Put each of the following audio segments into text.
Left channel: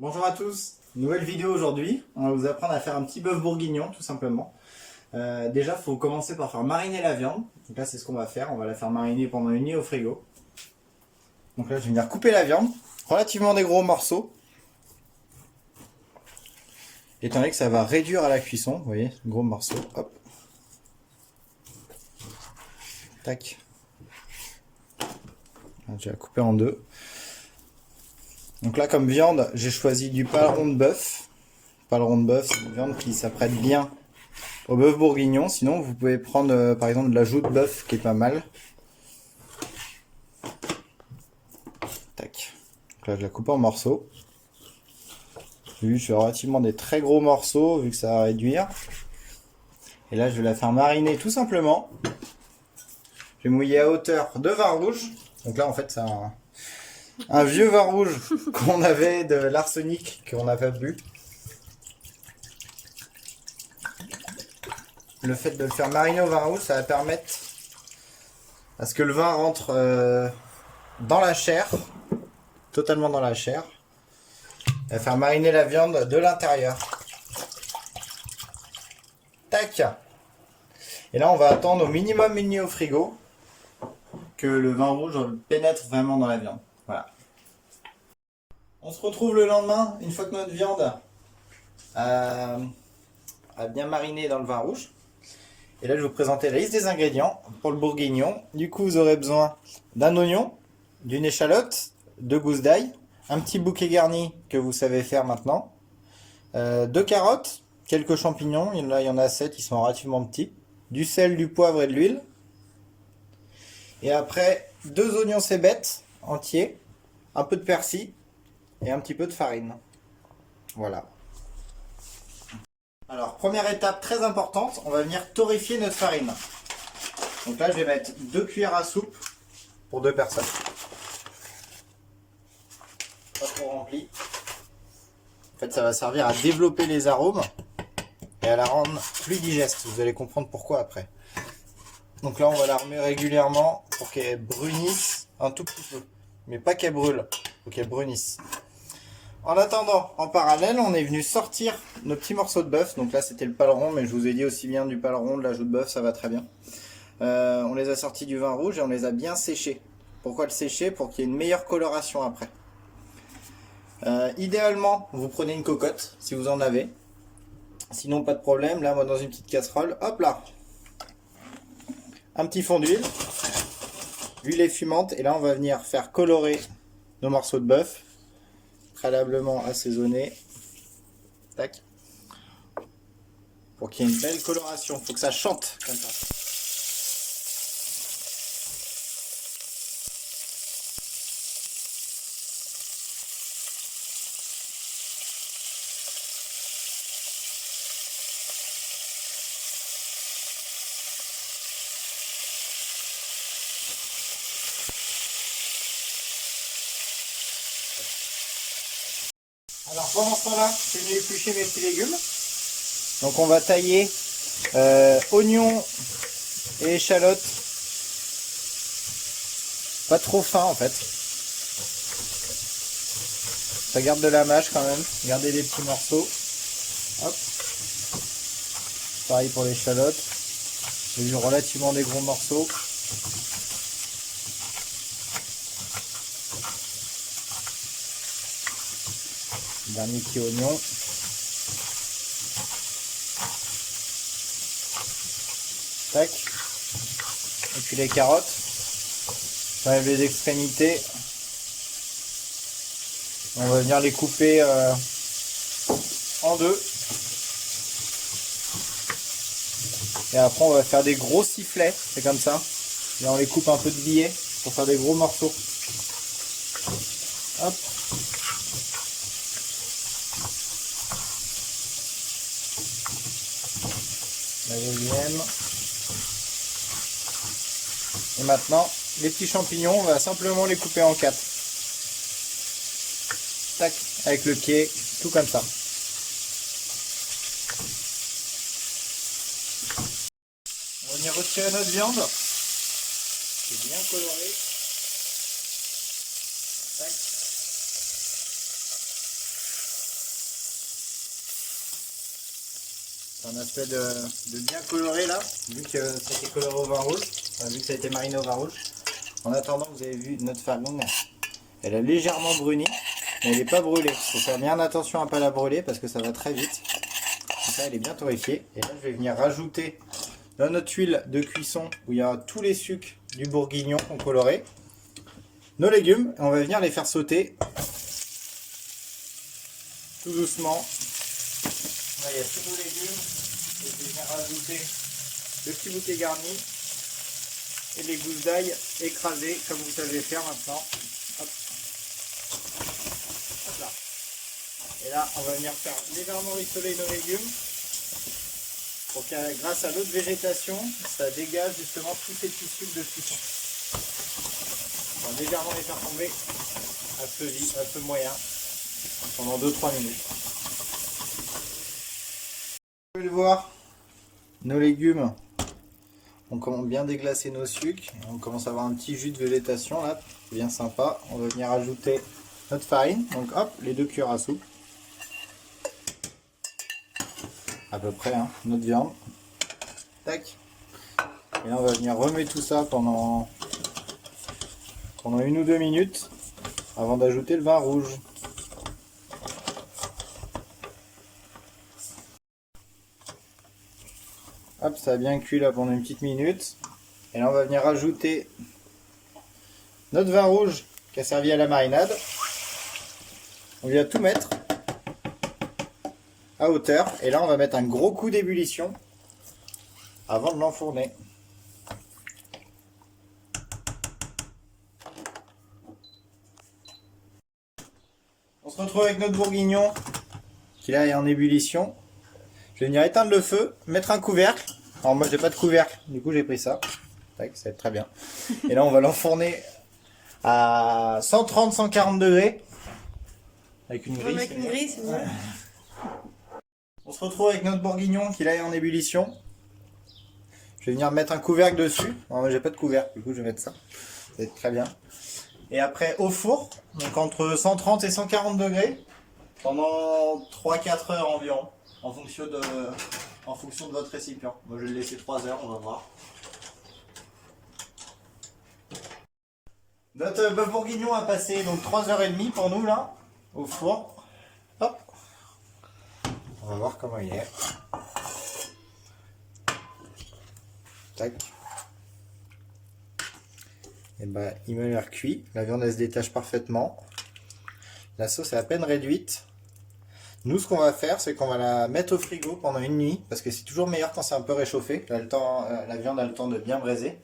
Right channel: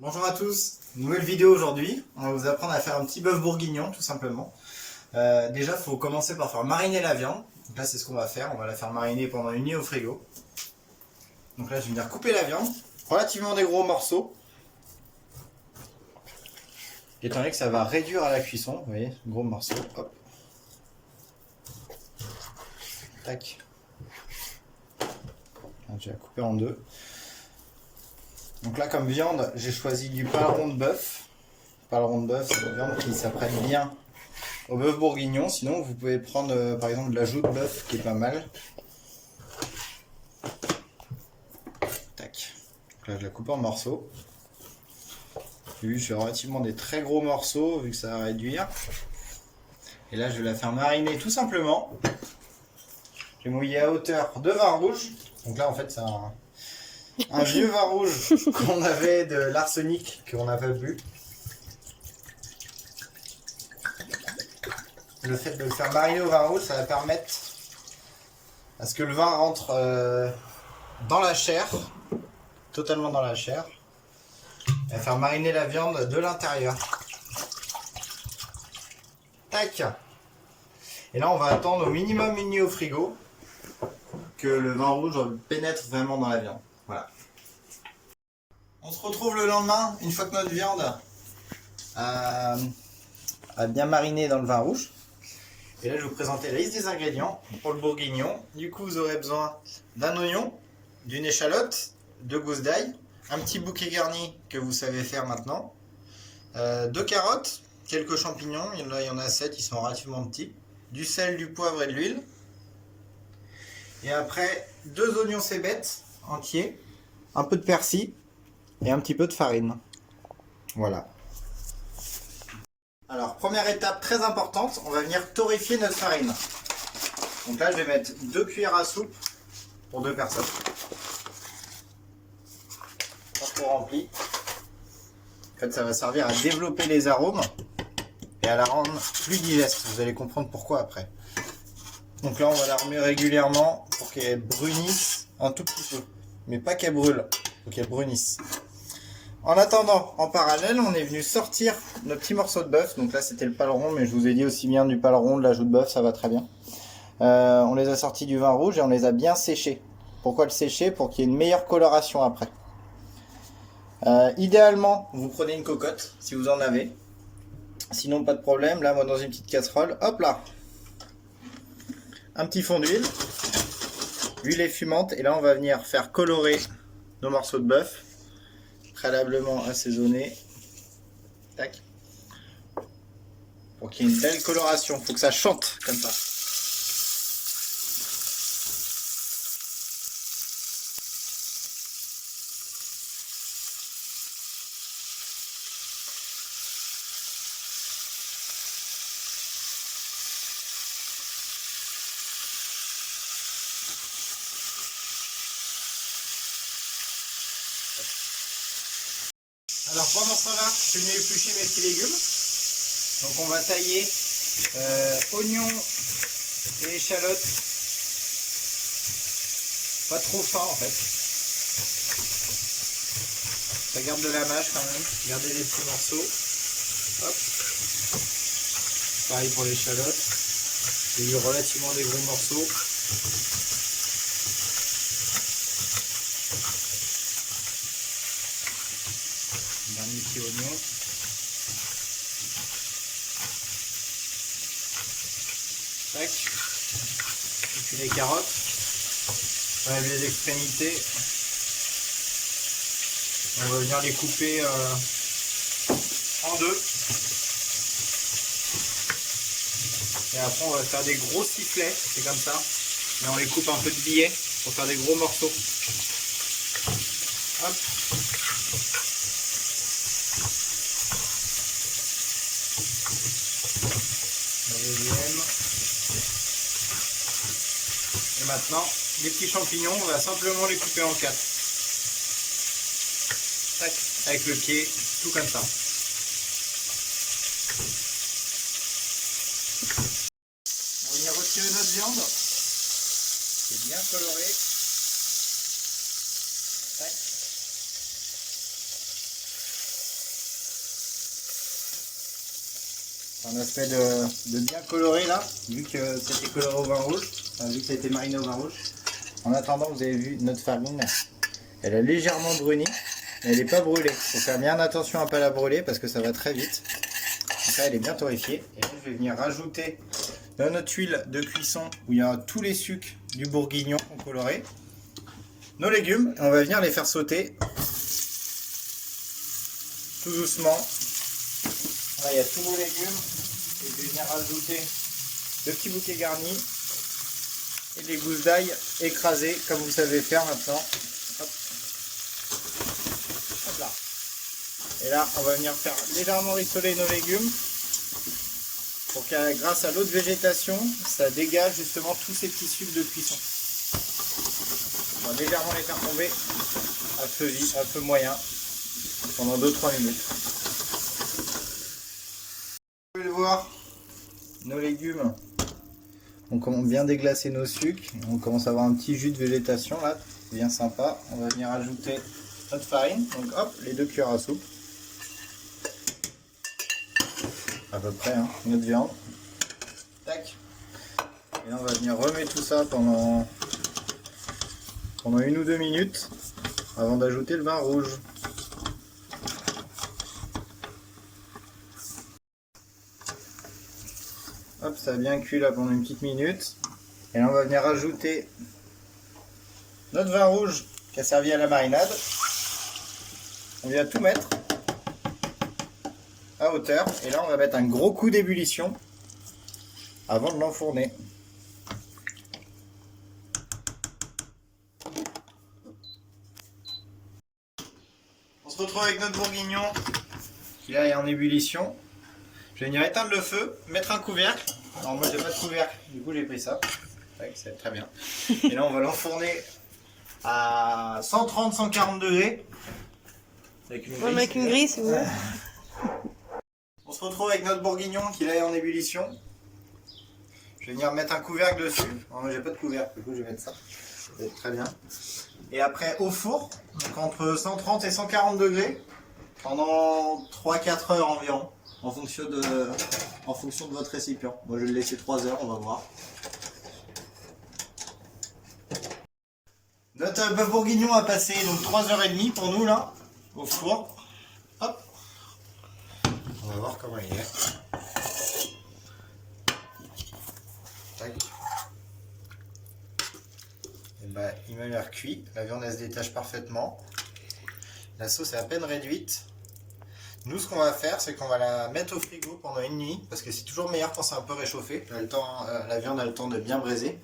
Bonjour à tous, nouvelle vidéo aujourd'hui. On va vous apprendre à faire un petit bœuf bourguignon tout simplement. Déjà il faut commencer par faire mariner la viande. Donc là c'est ce qu'on va faire, on va la faire mariner pendant une nuit au frigo. Donc là je vais venir couper la viande, relativement des gros morceaux. Étant donné que ça va réduire à la cuisson, vous voyez, gros morceaux, hop. Tac. Je vais la couper en deux. Donc là comme viande, j'ai choisi du paleron de bœuf. Paleron de bœuf, c'est une viande qui s'apprête bien au bœuf bourguignon. Sinon, vous pouvez prendre par exemple de la joue de bœuf qui est pas mal. Tac. Donc là, je la coupe en morceaux. Je fais relativement des très gros morceaux vu que ça va réduire. Et là, je vais la faire mariner tout simplement. Je vais mouiller à hauteur de vin rouge. Donc là, en fait, c'est un vieux vin rouge qu'on avait de l'arsenic qu'on n'a pas bu. Le fait de le faire mariner au vin rouge, ça va permettre à ce que le vin rentre dans la chair, totalement dans la chair. Il va faire mariner la viande de l'intérieur. Tac. Et là, on va attendre au minimum une nuit au frigo que le vin rouge pénètre vraiment dans la viande. Voilà. On se retrouve le lendemain, une fois que notre viande a bien mariné dans le vin rouge. Et là, je vais vous présenter la liste des ingrédients pour le bourguignon. Du coup, vous aurez besoin d'un oignon, d'une échalote, 2 gousses d'ail, un petit bouquet garni que vous savez faire maintenant, 2 carottes, quelques champignons, là il y en a 7, ils sont relativement petits, du sel, du poivre et de l'huile. Et après, 2 oignons cébettes entiers, un peu de persil et un petit peu de farine. Voilà. Alors, première étape très importante, on va venir torréfier notre farine. Donc là, je vais mettre 2 cuillères à soupe pour 2 personnes. Pas trop rempli. En fait, ça va servir à développer les arômes et à la rendre plus digeste. Vous allez comprendre pourquoi après. Donc là, on va la remuer régulièrement pour qu'elle brunisse un tout petit peu. Mais pas qu'elle brûle, faut qu'elle brunisse. En attendant, en parallèle, on est venu sortir nos petits morceaux de bœuf. Donc là, c'était le paleron, mais je vous ai dit aussi bien du paleron, de la joue de bœuf, ça va très bien. On les a sortis du vin rouge et on les a bien séchés. Pourquoi le sécher? Pour qu'il y ait une meilleure coloration après. Idéalement, vous prenez une cocotte, si vous en avez. Sinon, pas de problème. Là, moi, dans une petite casserole, hop là. Un petit fond d'huile. L'huile est fumante. Et là, on va venir faire colorer nos morceaux de bœuf. Préalablement assaisonné. Tac. Pour qu'il y ait une belle coloration. Il faut que ça chante comme ça. Alors pendant ce temps-là, je vais venir éplucher mes petits légumes. Donc on va tailler oignons et échalotes. Pas trop fin en fait. Ça garde de la mâche quand même. Gardez des petits morceaux. Hop. Pareil pour l'échalote. J'ai vu relativement des gros morceaux. Dernier petit oignon. Tac. Et puis les carottes. J'enlève les extrémités. On va venir les couper en deux. Et après on va faire des gros sifflets. C'est comme ça. Et on les coupe un peu de billets pour faire des gros morceaux. Hop. Et maintenant, les petits champignons, on va simplement les couper en 4. Tac, avec le pied, tout comme ça. On va venir retirer notre viande. C'est bien coloré. Tac. C'est un aspect de bien coloré là, vu que c'était coloré au vin rouge, vu que ça a été mariné au vin rouge. En attendant, vous avez vu notre farine, elle a légèrement bruni, mais elle n'est pas brûlée. Il faut faire bien attention à ne pas la brûler parce que ça va très vite. Donc là, elle est bien torréfiée. Et là, je vais venir rajouter dans notre huile de cuisson où il y a tous les sucres du bourguignon en coloré, nos légumes, et on va venir les faire sauter tout doucement. Là, il y a tous nos légumes. Et je vais venir rajouter le petit bouquet garni et les gousses d'ail écrasées comme vous savez faire maintenant. Hop. Hop là. Et là, on va venir faire légèrement rissoler nos légumes pour que grâce à l'eau de végétation, ça dégage justement tous ces petits sucres de cuisson. On va légèrement les faire tomber à feu moyen pendant 2-3 minutes. Vous pouvez le voir, nos légumes, on commence bien déglacer nos sucres, on commence à avoir un petit jus de végétation là, bien sympa. On va venir ajouter notre farine, donc hop, les 2 cuillères à soupe, à peu près, hein, notre viande, tac, et là on va venir remettre tout ça pendant 1 ou 2 minutes avant d'ajouter le vin rouge. Hop, ça a bien cuit là pendant une petite minute. Et là on va venir ajouter notre vin rouge qui a servi à la marinade. On vient tout mettre à hauteur. Et là on va mettre un gros coup d'ébullition avant de l'enfourner. On se retrouve avec notre bourguignon qui là est en ébullition. Je vais venir éteindre le feu, mettre un couvercle. Alors moi j'ai pas de couvercle, du coup j'ai pris ça. Tac, ça va être très bien. Et là on va l'enfourner à 130-140 degrés. Avec une grille. Avec une grille, c'est bon. On se retrouve avec notre bourguignon qui là est en ébullition. Je vais venir mettre un couvercle dessus. Alors moi j'ai pas de couvercle, du coup je vais mettre ça. Ça va être très bien. Et après au four, donc entre 130 et 140 degrés, pendant 3-4 heures environ. En fonction de votre récipient. Moi je vais le laisser 3 heures, on va voir. Notre bœuf bourguignon a passé donc 3h30 pour nous là, au four. Hop. On va voir comment il est. Tac. Et ben, il m'a l'air cuit. La viande elle se détache parfaitement. La sauce est à peine réduite. Nous, ce qu'on va faire, c'est qu'on va la mettre au frigo pendant une nuit, parce que c'est toujours meilleur quand c'est un peu réchauffé. La viande a le temps de bien braiser.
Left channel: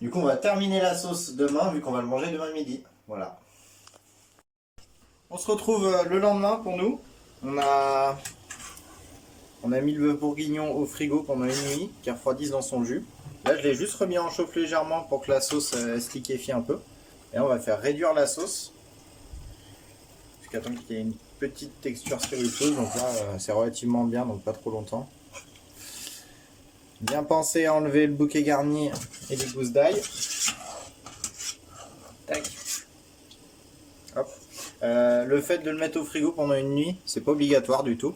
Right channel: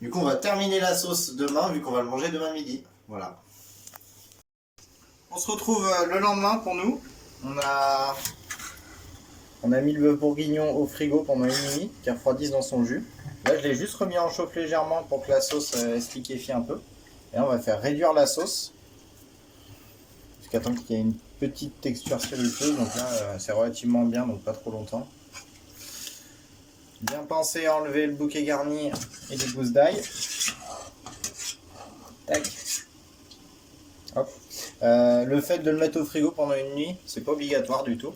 Du coup, on va terminer la sauce demain, vu qu'on va le manger demain midi. Voilà. On se retrouve le lendemain pour nous. On a mis le bœuf bourguignon au frigo pendant une nuit, qui refroidisse dans son jus. Là, je l'ai juste remis en chauffe légèrement pour que la sauce se liquéfie un peu. Et on va faire réduire la sauce. Jusqu'à temps qu'il y ait une petite texture sirupeuse, donc là c'est relativement bien, donc pas trop longtemps. Bien penser à enlever le bouquet garni et les gousses d'ail. Tac. Hop. Le fait de le mettre au frigo pendant une nuit, c'est pas obligatoire du tout.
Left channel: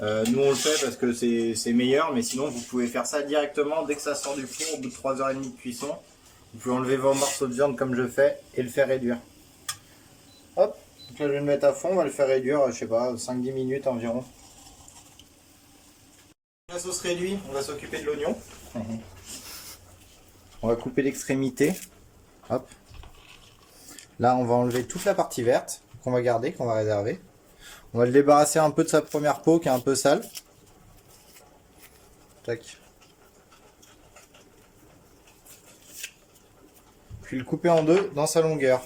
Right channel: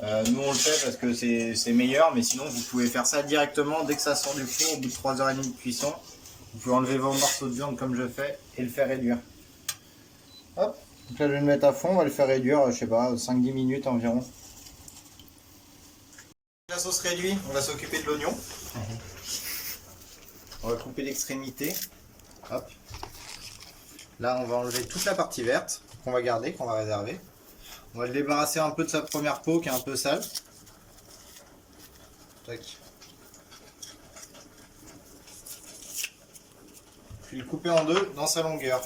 Nous on le fait parce que c'est meilleur, mais sinon vous pouvez faire ça directement dès que ça sort du four, au bout de 3h30 de cuisson. Vous pouvez enlever vos morceaux de viande comme je fais et le faire réduire. Hop. Donc là je vais le mettre à fond, on va le faire réduire, je sais pas, 5-10 minutes environ. La sauce réduite, on va s'occuper de l'oignon. On va couper l'extrémité. Hop. Là on va enlever toute la partie verte qu'on va garder, qu'on va réserver. On va le débarrasser un peu de sa première peau qui est un peu sale. Tac. Puis le couper en deux dans sa longueur.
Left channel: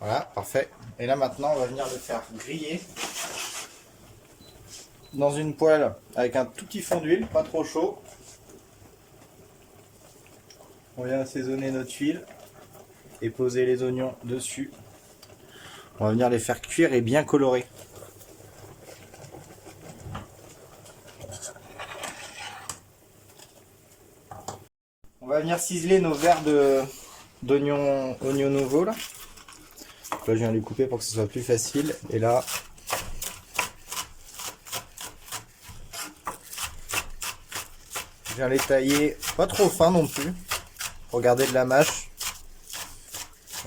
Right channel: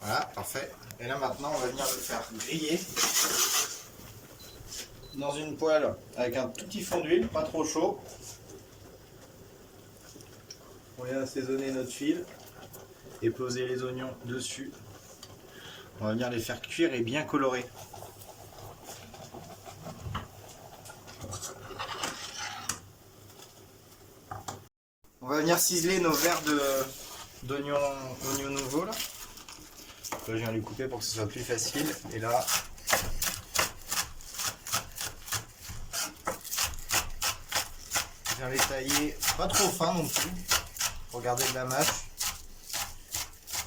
Voilà, parfait. Et là maintenant, on va venir le faire griller dans une poêle avec un tout petit fond d'huile, pas trop chaud. On vient assaisonner notre huile et poser les oignons dessus. On va venir les faire cuire et bien colorer. On va venir ciseler nos verres d'oignons nouveaux là. Là, je viens les couper pour que ce soit plus facile. Et là, je viens les tailler pas trop fin non plus. Pour garder de la mâche.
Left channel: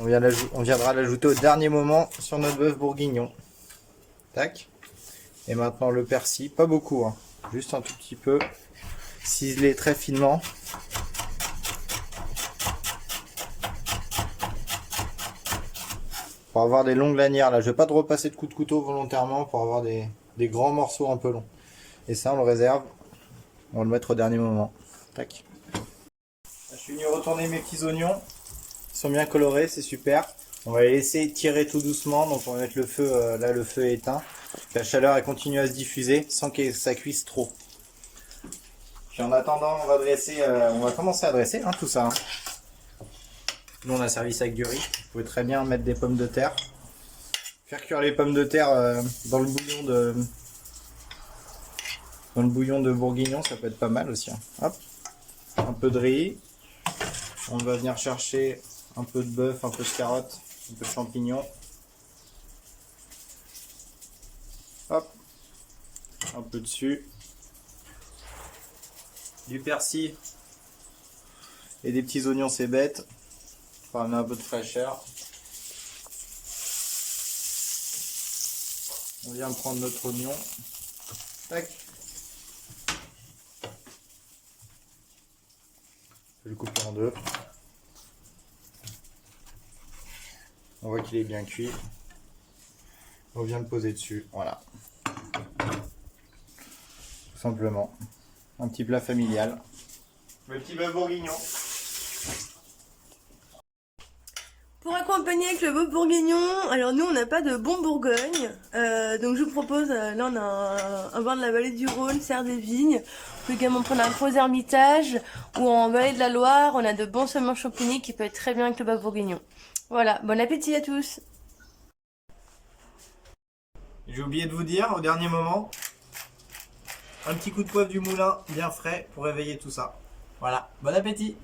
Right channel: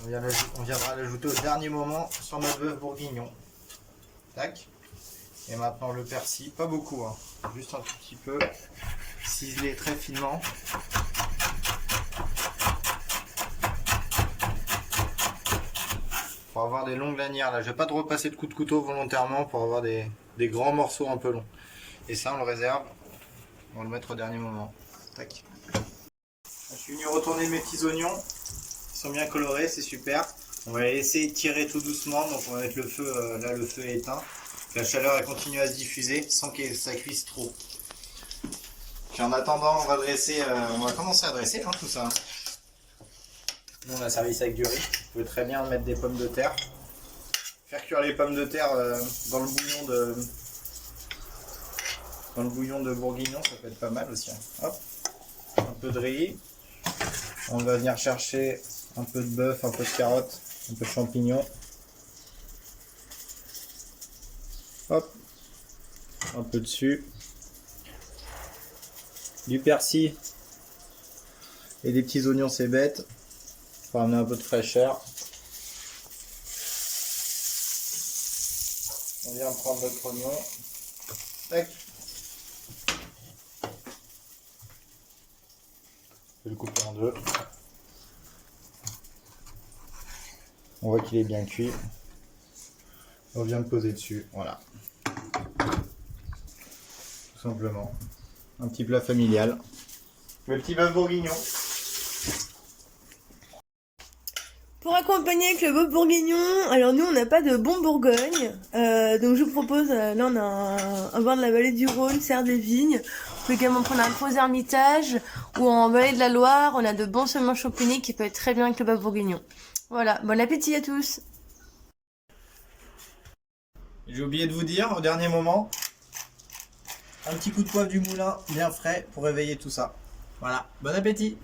On viendra l'ajouter au dernier moment sur nos bœufs bourguignons. Tac. Et maintenant le persil, pas beaucoup, hein. Juste un tout petit peu. Ciselé très finement. Pour avoir des longues lanières. Là, je vais pas de repasser de coups de couteau volontairement pour avoir des grands morceaux un peu longs. Et ça, on le réserve. On va le mettre au dernier moment. Tac. Je suis venu retourner mes petits oignons. Ils sont bien colorés, c'est super. On va les laisser tirer tout doucement. Donc on va mettre le feu, là le feu est éteint. La chaleur elle continue à se diffuser sans que ça cuise trop. Puis en attendant, on va commencer à dresser hein, tout ça. Hein. Nous on a servi ça avec du riz. Vous pouvez très bien mettre des pommes de terre. Faire cuire les pommes de terre dans le bouillon de bourguignon, ça peut être pas mal aussi. Hein. Hop. Un peu de riz. On va venir chercher un peu de bœuf, un peu de carottes, un peu de champignons. Hop. Un peu dessus. Du persil. Et des petits oignons, c'est bête. Pour amener un peu de fraîcheur. On vient prendre notre oignon. Tac. Je vais le couper en deux. On voit qu'il est bien cuit. On vient le poser dessus. Voilà. Tout simplement. Un petit plat familial. Le petit bœuf bourguignon. Pour accompagner avec le bœuf bourguignon, alors nous on n'a pas de bon Bourgogne, donc je vous propose, là on a un vin de la vallée du Rhône, serre des vignes. Vous pouvez également prendre un faux Hermitage, ou en vallée de la Loire, on a de bons saumons champignons qui peut être très bien avec le bœuf bourguignon. Voilà, bon appétit à tous. J'ai oublié de vous dire au dernier moment, un petit coup de poivre du moulin bien frais pour réveiller tout ça. Voilà, bon appétit!